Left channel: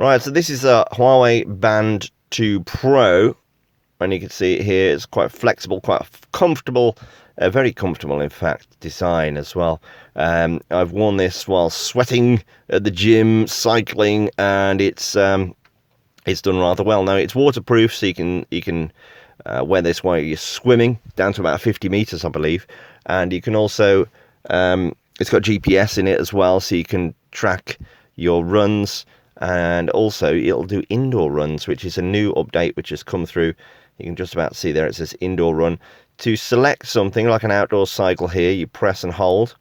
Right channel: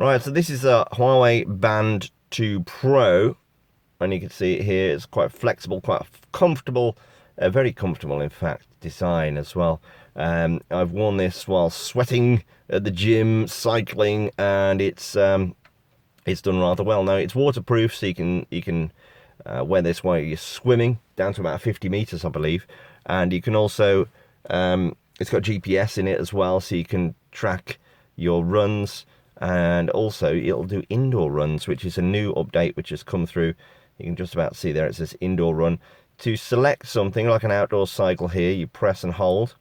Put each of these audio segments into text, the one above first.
Right, so this is a Huawei Band 2 Pro, and you can see it here. It's quite flexible, quite comfortable, very comfortable, in fact, design as well. I've worn this while sweating at the gym, cycling, and it's done rather well. Now it's waterproof, so you can wear this while you're swimming down to about 50 meters, I believe, and you can also it's got GPS in it as well, so you can track your runs, and also it'll do indoor runs, which is a new update which has come through. You can just about see there it says indoor run. To select something like an outdoor cycle here, you press and hold,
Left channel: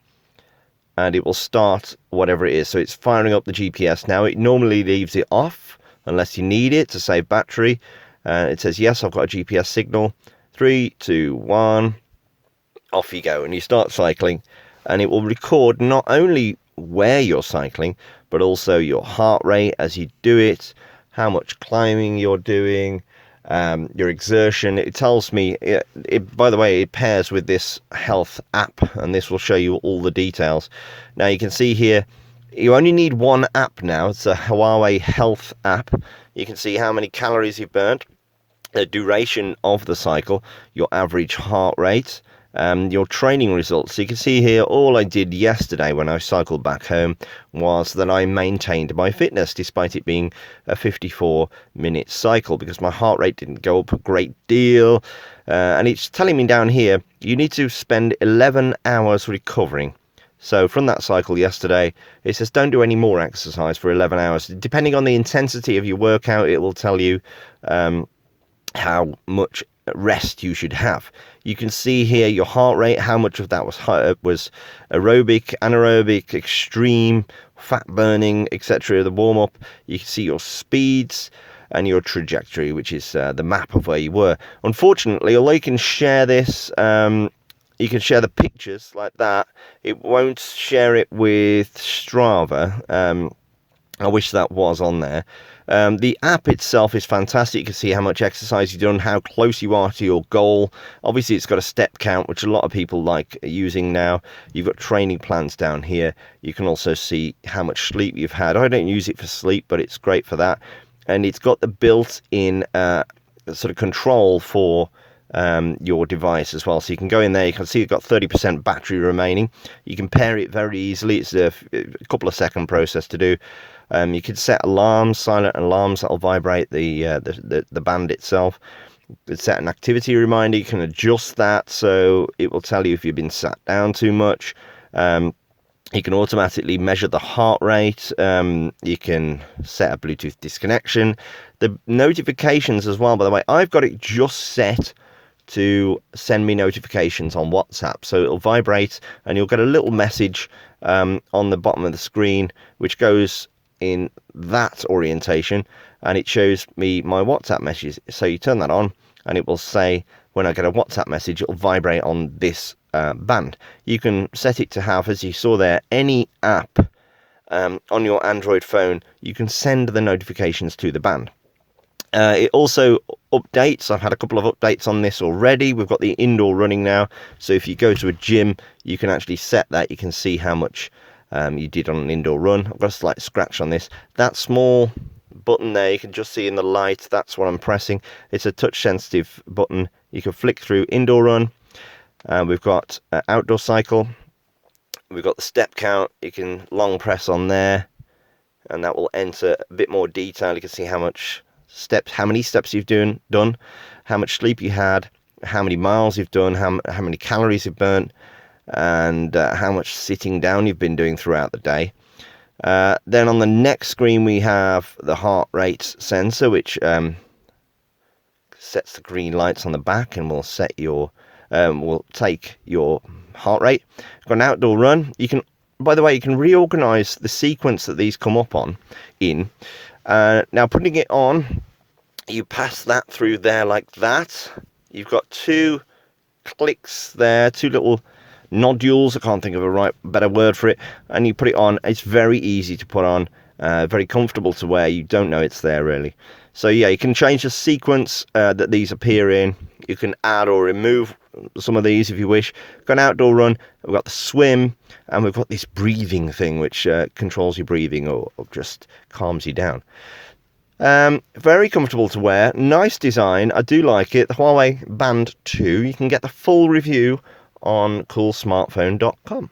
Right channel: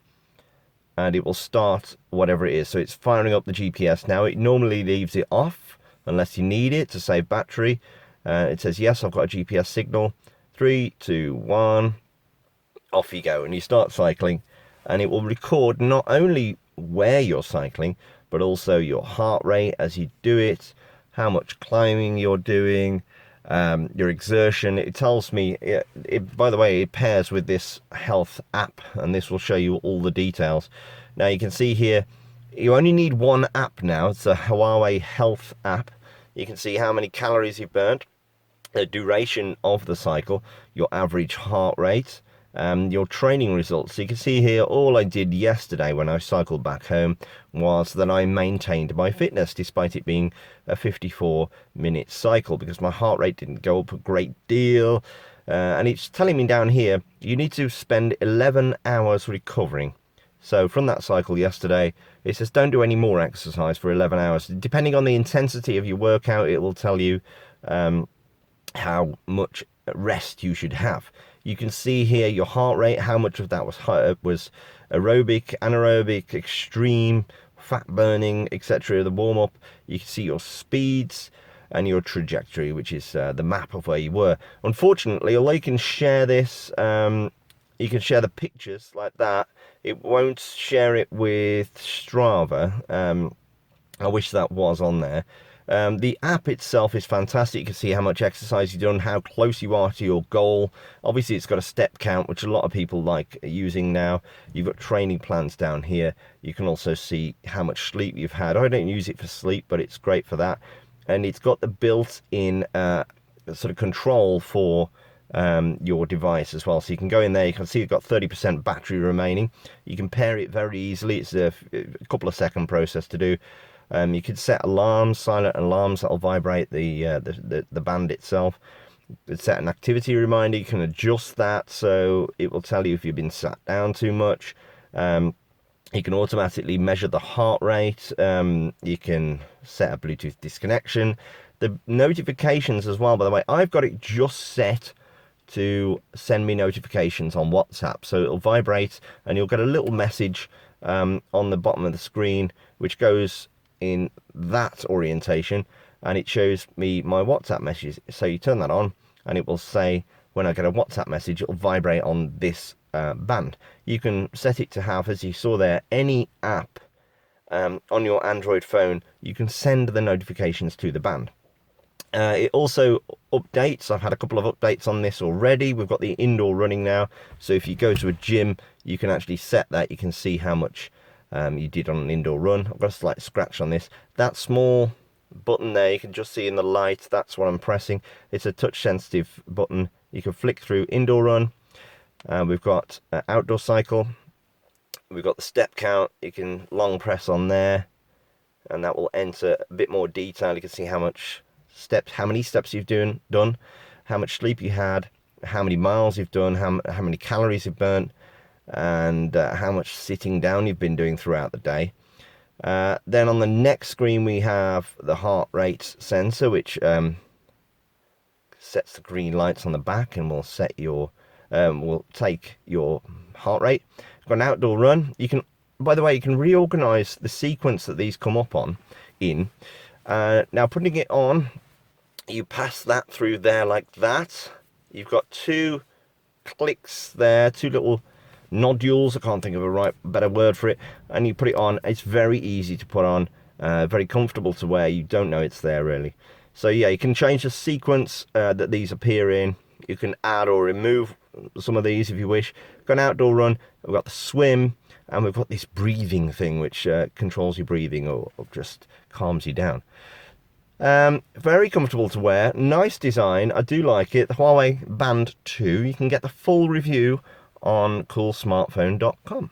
and it will start whatever it is. So it's firing up the GPS now. It normally leaves it off unless you need it to save battery. It says, yes, I've got a GPS signal. 3, 2, 1, off you go. And you start cycling, and it will record not only where you're cycling, but also your heart rate as you do it, how much climbing you're doing, your exertion. It tells me, by the way, it pairs with this health app, and this will show you all the details. Now you can see here, you only need one app now. It's a Huawei health app. You can see how many calories you've burnt, the duration of the cycle, your average heart rate, your training results. So you can see here, all I did yesterday when I cycled back home was that I maintained my fitness despite it being a 54-minute cycle, because my heart rate didn't go up a great deal. And it's telling me down here, you need to spend 11 hours recovering. So from that cycle yesterday, it says don't do any more exercise for 11 hours. Depending on the intensity of your workout, it will tell you how much rest you should have. You can see here your heart rate, how much of that was aerobic, anaerobic, extreme, fat burning, etc. The warm up. You can see your speeds and your trajectory, which is the map of where you were. Unfortunately, although you can share this, you can share the pictures like that, it won't share it with Strava. I wish that was on there. The app itself is fantastic. You can see how much exercise you've done, how close you are to your goal. Obviously, it's got a step count, which a lot of people like using now. You've got training plans down here. You can also see how much sleep you've had. I don't use it for sleep, but it's great for that. And it's got the built-in sort of control for your device as well. So you can go in there, you can see you've got 30% battery remaining. You can pair it very easily. It's a couple of second process to do. You could set alarms, silent alarms that'll vibrate the band itself. You could set an activity reminder. You can adjust that so it will tell you if you've been sat down too much. You can automatically measure the heart rate. You can set a Bluetooth disconnection. The notifications as well, by the way, I've got it just set to send me notifications on WhatsApp. So it'll vibrate and you'll get a little message on the bottom of the screen, which goes in that orientation, and it shows me my WhatsApp messages. So you turn that on and it will say, when I get a WhatsApp message, it'll vibrate on this band. You can set it to have, as you saw there, any app on your Android phone. You can send the notifications to the band. It also updates. I've had a couple of updates on this already. We've got the indoor running now, so if you go to a gym, you can actually set that. You can see how much you did on an indoor run. I've got a slight scratch on this. That small button there, you can just see in the light, that's what I'm pressing. It's a touch sensitive button. You can flick through indoor run. We've got outdoor cycle. We've got the step count. You can long press on there, and that will enter a bit more detail. You can see how much steps, how many steps you've done, how much sleep you had, how many miles you've done, how many calories you've burnt, and how much sitting down you've been doing throughout the day. Then on the next screen we have the heart rate sensor, which sets the green lights on the back and will set your will take your heart rate. Got an outdoor run. You can, by the way, you can reorganize the sequence that these come up on in. Now putting it on, you pass that through there like that. You've got two clicks there, two little nodules. I can't think of a better word for it. And you put it on. It's very easy to put on, very comfortable to wear. You don't know it's there really. So yeah, you can change the sequence that these appear in. You can add or remove some of these if you wish. Got an outdoor run, we've got the swim, and we've got this breathing thing which controls your breathing or just calms you down. Very comfortable to wear, nice design, I do like it. The Huawei Band 2, you can get the full review on coolsmartphone.com.